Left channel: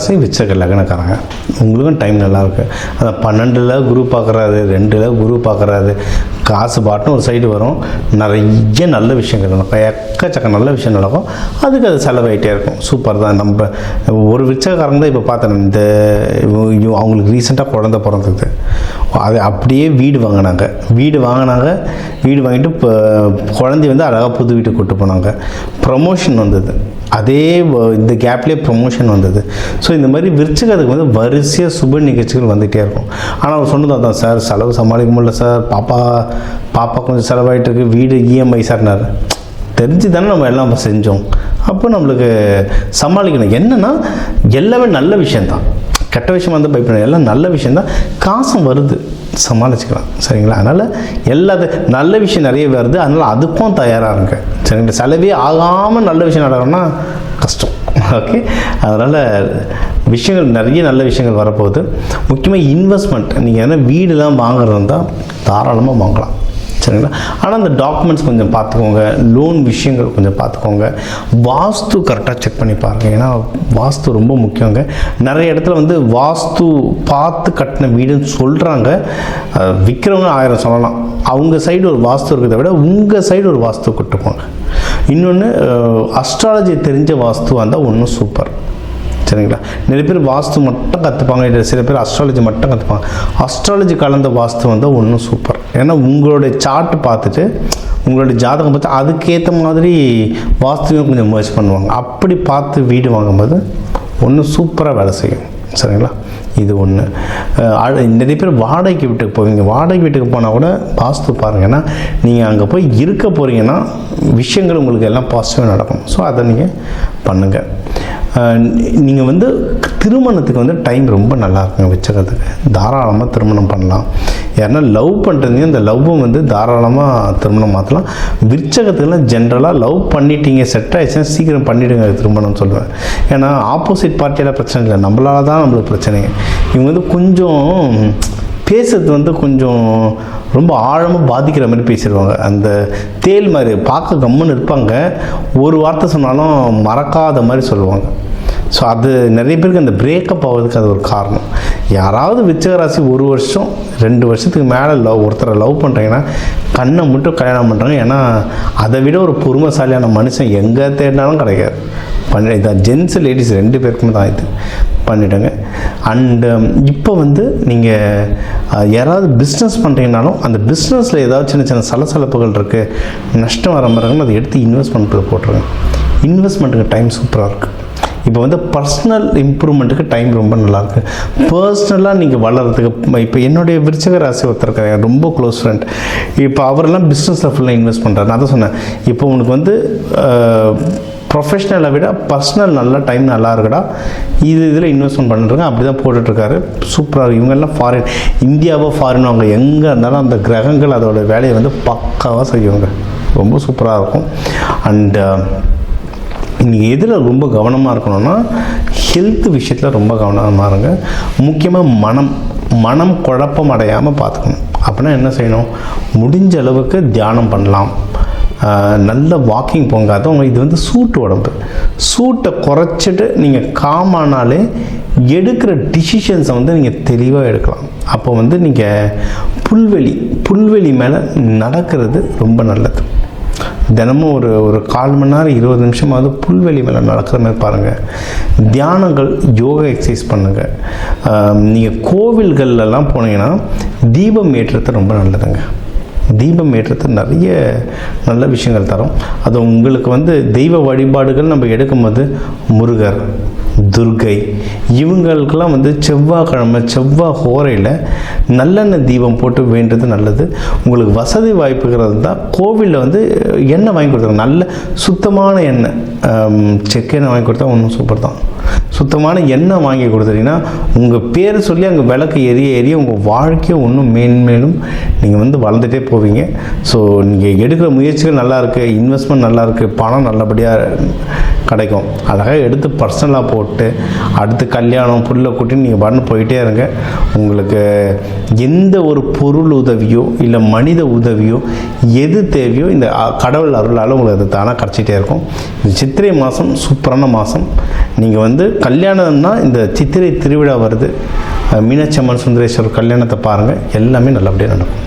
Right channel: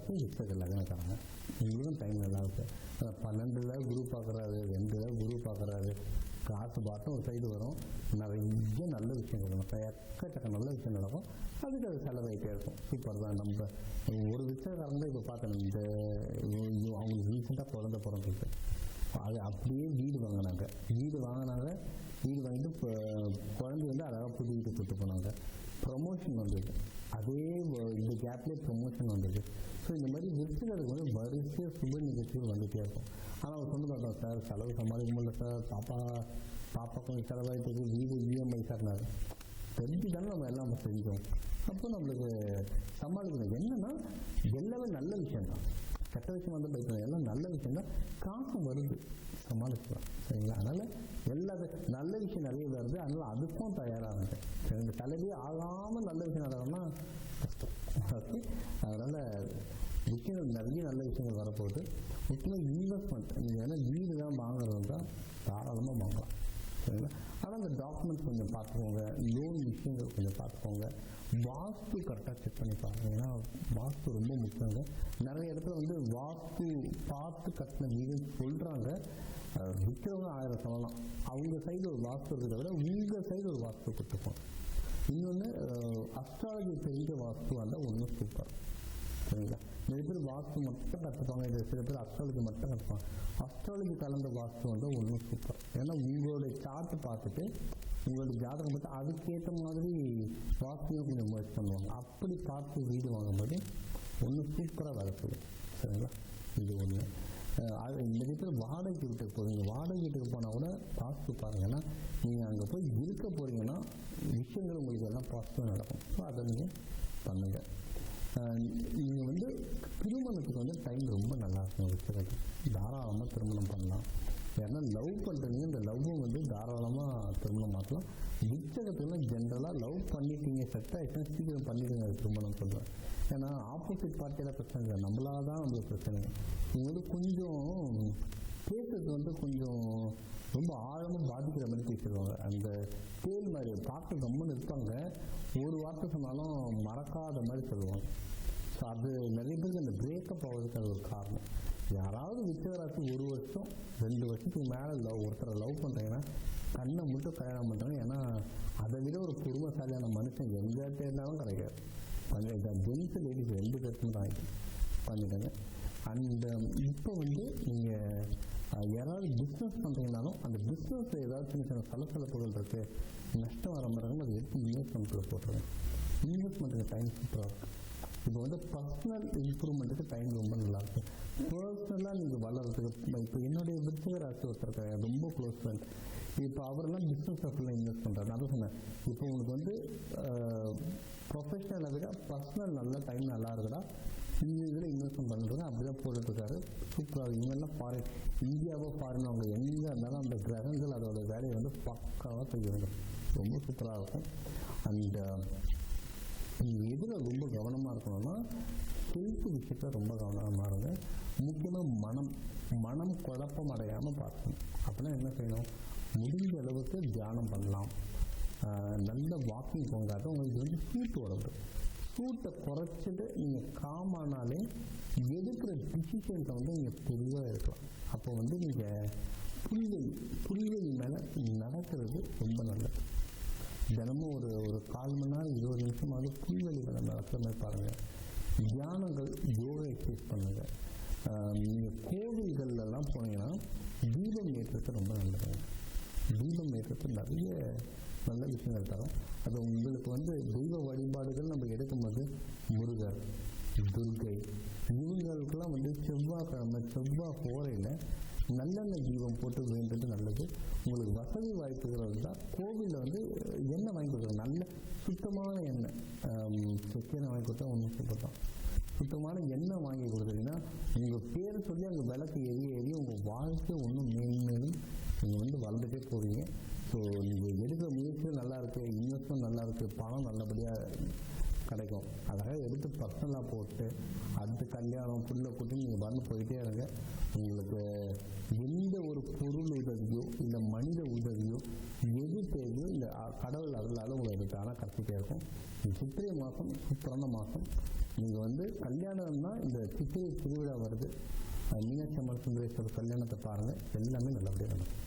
ராசி விருச்சிக லக்னக்காரங்க. உங்களுக்கும் டைம் நல்லாயிருக்கு. அதை 12ல் குரு பார்க்குறாரு, 2ல் குரு பார்க்குறாரு. காசு பாட்டுன்னு ஒரு சைடு வரும், நிறைய நல்ல விஷயங்கள் நடக்கும், எக்கச்சக்க நல்ல விஷயம் நடக்கும். அதுக்கு அது செலவாயிட்டே இருக்கும். சூப்பர் தான். நம்ம ஒரு விருச்சிகக்காரங்க தான் இப்போ பார்த்தேன். இந்த அவங்களுக்கு ரீசெண்டாக குழந்தை பிறந்தது. அது அப்படியே வீடு வாங்கினாங்க. வீடு வாங்கிட்டு இப்போ குழந்தைய வந்து அழகாக புது வீட்டுக்கு கூட்டு போனாங்க. ப்ரமோஷன் வந்தது. அதே இந்த கேப்லேயே ப்ரமோஷன் வந்தது. ஸோ இந்த மாதிரி விருச்சிகத்துக்கு வந்து வரிசையாக சுப நிகழ்ச்சிகள் வந்துகிட்டே இருக்கும். ஆனால் அவர் சொன்னது தான், சார் செலவு சமாளிக்க முடியல சார், பாப்பா கொஞ்சம் செலவாயிட்டு இருக்கு, வீடு இஎம்ஐ சார்னார். தெரிஞ்சு தானே நம்ம எல்லாம் செஞ்சோம். அப்போ நம்மளுக்கு சமாளிக்கணும். என்னென்னா எல்லாமே நல்ல விஷயந்தான், கெட்ட விஷயமா இருந்தால் பயப்படணும். எல்லாம் நல்ல விஷயந்தான். காசும் வருது, சமாளிச்சுக்கலாம். சரிங்களா? அதனால் எல்லாத்தையும் நல்ல விஷயம் நிறைய வருது, அதனால் அதுக்கும் தயாராக இருங்க. சரிங்களா? செலவே ஆகாமல் நல்ல விஷயம் நடக்கணும்னா கஷ்டம். ஓகே, அதனால் விஷயங்கள் நிறைய நல்ல விஷயங்கள் வரப்போகுது. முக்கியமாக இன்வெஸ்ட்மெண்ட், நீங்கள் எதனா வீடுலாம் வாங்குறது இருந்தால் தாராளமாக வாங்கலாம். சரிங்களா? ஆனால் அந்த டாக்குமெண்ட்ஸ் கொஞ்சம் பார்த்துக்கோங்க, லோன் விஷயங்கள் கொஞ்சம் பார்த்துக்கோங்க, வாஸ்து கரெக்டாக செக் பண்ணி பாருங்கள். ஏன்னா வாஸ்து ரொம்ப முக்கியங்க. நிறைய இடத்துல வந்து வாஸ்து பார்த்து கட்டின வீடுன்னு சொல்கிறாங்க. விற்கிறவங்க 1000 சொல்லலாம். அவங்க சைடு ஒரு வாஸ்து இருக்கிறத விட உங்கள் சைடு ஒரு வாஸ்து கொட்டுப்போங்க. இன்னொன்று, அஸ்ட்ராலஜி தெரிஞ்ச வாஸ்துவாக இருந்தால் ஒன்றும் சூப்பர். சரிங்களா? நிறைய பேர் வாஸ்து மட்டும் கற்றுப்பாங்க, இல்லை சில பேர் அஸ்ட்ராலஜி மட்டும் கற்றுப்பாங்க. அஸ்ட்ராலஜி கலந்த வாஸ்து வந்தால் ஒன்றும் சூப்பர். ஏன்னா உங்களுடைய சார்ட்டு பார்த்துட்டு, உங்களுடைய ஜாதகம் பார்த்து அதுக்கேற்ற மாதிரி வாஸ்துவையும் கொஞ்சம் முயற்சி பண்ணுவாங்க. அப்படி பார்த்து வீடு வாங்கும்போது ஒன்றும் சூப்பராக வேலை செய்யும். சரிங்களா? இது ஒன்று. நிறைய பேர் வாடகை வீட்டுக்கு போவீங்க. வாடகை வீட்டுக்கு போனால் கூட வாஸ்து பாருங்கள். ஏன்னா நீங்கள் அங்கே போய் இருக்க போகிறீங்கன்னா விஷயங்கள் உங்களுக்கு எல்லாம் பாசிட்டிவாக நடக்கும். ஸோ அதை நீங்கள் பண்ணுங்கள். நீங்கள் வந்து திருமணத்துக்கு வந்து டைம் ரொம்ப நல்லா இருக்குங்க. விருச்சிகத்துக்கு தாராளமாக திருமணம் பண்ணலாம். யாருன்னா லவ் பண்ணுறீங்க, இந்த லவ்வை வந்து தாராளமாக திருமணம் மாற்றலாம். விருச்சிகத்துக்குலாம் ஜென்ரலாக லவ் பண்ணிட்டீங்க, செட் ஆகிடுச்சுன்னா சீக்கிரம் பண்ணிவிடுங்க திருமணம் சொல்லுவேன். ஏன்னா ஆப்போசிட் பார்ட்டியெல்லாம் பிரச்சனை இல்லை, நம்மளால தான் நம்மளுக்கு பிரச்சனைங்க. இவங்க வந்து கொஞ்சம் பேசுறது வந்து கொஞ்சம் ரொம்ப ஆழமாக பாதிக்கிற மாதிரி பேசிடுவாங்க. அந்த தேல் மாதிரி பார்க்க கம்முன்னு இருப்பாங்க, ஒரு வார்த்தை சொன்னாலும் மறக்காத மாதிரி சொல்லுவாங்க. ஸோ அது நிறைய பேருக்கு அந்த பிரேக்கப் ஆகிறதுக்கு அது ஒரு காரணம். யாராவது விருச்சிக ராசி 1 வருஷம் 2 வருஷத்துக்கு மேலே ஒருத்தரை லவ் பண்ணுறீங்கன்னா கண்ணை மட்டும் கல்யாணம் பண்ணுறாங்க. ஏன்னா அதை விட ஒரு பொறுமைசாலியான மனுஷன் எங்கே தேடினாலும் கிடைக்காது. இதான் ஜென்ஸ் லேடிஸ் 2 பேருக்குமே தான் இது பண்ணிவிடுங்க. அண்டு இப்போ வந்து நீங்கள் யாராவது பிஸ்னஸ் பண்ணுறீங்கனாலும் அந்த பிஸ்னஸில் ஏதாவது சின்ன சின்ன சலசலப்புகள் இருக்குது, நஷ்டம் வர மாதிரி இருக்குன்னு அதை எடுத்து இன்வெஸ்ட்மெண்ட்டுக்கு போட்டுருங்க. இன்வெஸ்ட்மெண்ட்டுக்கு டைம் சூப்பராக இருக்குது. இப்போ வந்து பர்சனல் இம்ப்ரூவ்மெண்ட்டுக்கு டைம் ரொம்ப நல்லாயிருக்கு. பர்சனலாக நீங்கள் வளர்கிறதுக்கு இப்போ என்னுடைய விருச்சிக ராசி ஒருத்தர் இருக்காங்க, ரொம்ப க்ளோஸ் ஃப்ரெண்ட். இப்போ அவரெல்லாம் பிஸ்னஸில் ஃபுல்லாக இன்வெஸ்ட் பண்ணுறாரு. நான் தான் சொன்னேன், இப்போ உனக்கு வந்து ப்ரொஃபஷ்னலை விட பர்சனல் நல்லா டைம் நல்லா இருக்குடா, இதில் இன்வெஸ்ட்மெண்ட் பண்ணிட்டுருங்க. அப்படி தான் போட்டுட்ருக்காரு. சூப்பராக. இவங்கெல்லாம் ஃபாரின், இந்தியாவோ ஃபாரின், அவங்க எங்கே இருந்தாலும் அந்த கிரகங்கள் அதோட வேலையை வந்து பக்காவாக செய்வாங்க. ரொம்ப சூப்பராக இருக்கும். அண்டு நீங்கள் எதில் ரொம்ப கவனமாக இருக்கணும்னா ஹெல்த் விஷயத்தில் ரொம்ப கவனமாக இருங்க. முக்கியமாக மனம் குழப்பம் அடையாமல் பார்த்துக்கணும். அப்படின்னா என்ன செய்யணும்? முடிஞ்ச அளவுக்கு தியானம் பண்ணலாம், நல்ல வாக்கிங் போங்க. அதுவும் இது வந்து சூட்டு உடம்பு, சூட்டை குறைச்சிட்டு நீங்கள் காமானாலே எடுக்கிற டிசிஷன்ஸை வந்து நீங்கள் தெளிவாக எடுக்கலாம். அப்போ வந்து நீங்கள் புல்வெளி மேலே நடக்கிறது ரொம்ப நல்லது. தினமும் ஒரு 1/4 மணி நேரம் 20 நிமிஷமாவது புல்வெளி மேலே நடக்கிற மாதிரி பாருங்கள். தியானங்கள், யோகா எக்ஸசைஸ் பண்ணுங்கள். நீங்கள் கோவில்கள்லாம் போனீங்கன்னா தீபம் ஏற்றுறது ரொம்ப நல்லதுங்க. தீபம் ஏற்றுறது நிறைய நல்ல விஷயங்கள் தரும். அது உங்களுக்கு வந்து தெய்வ வழிபாடுகள் நம்ம எடுக்கும்போது முருகர், துர்கை, இவங்களுக்கெல்லாம் வந்து செவ்வாய்க்கிழமை செவ்வாய் ஹோரையில் நல்லெண்ணெய் தீபம் போட்டு வேண்டது நல்லது. உங்களுக்கு வசதி வாய்ப்புகள் தான் கோவிலில் வந்து எண்ணெய் வாங்கி கொடுத்தாங்க, நல்ல சுத்தமான எண்ணெய், செக்கு எண்ணெய் வாங்கி கொடுத்தா ஒன்றும் சூப்பர் தான். சுத்தமான எண்ணெய் வாங்கி கொடுத்துட்டீங்கன்னா உங்கள் பேர் சொல்லி அங்கே விளக்கு எரிய உங்கள் வாழ்க்கையை இன்னும் மேன்மேலும் நீங்கள் வந்து வளர்ந்துட்டே போவீங்க. ஸோ நீங்கள் எடுக்கிற முயற்சிகள் நல்லாயிருக்கு, இன்வெஸ்ட்மெண்ட் நல்லாயிருக்கு, பணம் நல்லபடியாக கிடைக்கும். அழகாக எடுத்து பர்சனலாக போட்டு அடுத்து கல்யாணம் புல்ல கூட்டி நீங்கள் பண்ண போயிட்டே இருங்க. உங்களுக்கு எந்த ஒரு பொருள் உதவியோ இல்லை மனித உதவியோ எது தேவையோ இந்த கடவுள் அருளால் உங்களுக்கு அது தானாக கிடச்சிட்டே இருக்கும். இந்த சித்திரை மாதம் சூப்பரான மாதம். நீங்கள் வந்து வந்து கல்யாணம்னா இந்த சித்திரை திருவிழா வருது, மீனாட்சி அம்மன் சுந்தரேஸ்வரர் கல்யாணத்தை பாருங்கள், எல்லாமே நல்லபடியாக நடக்கும்.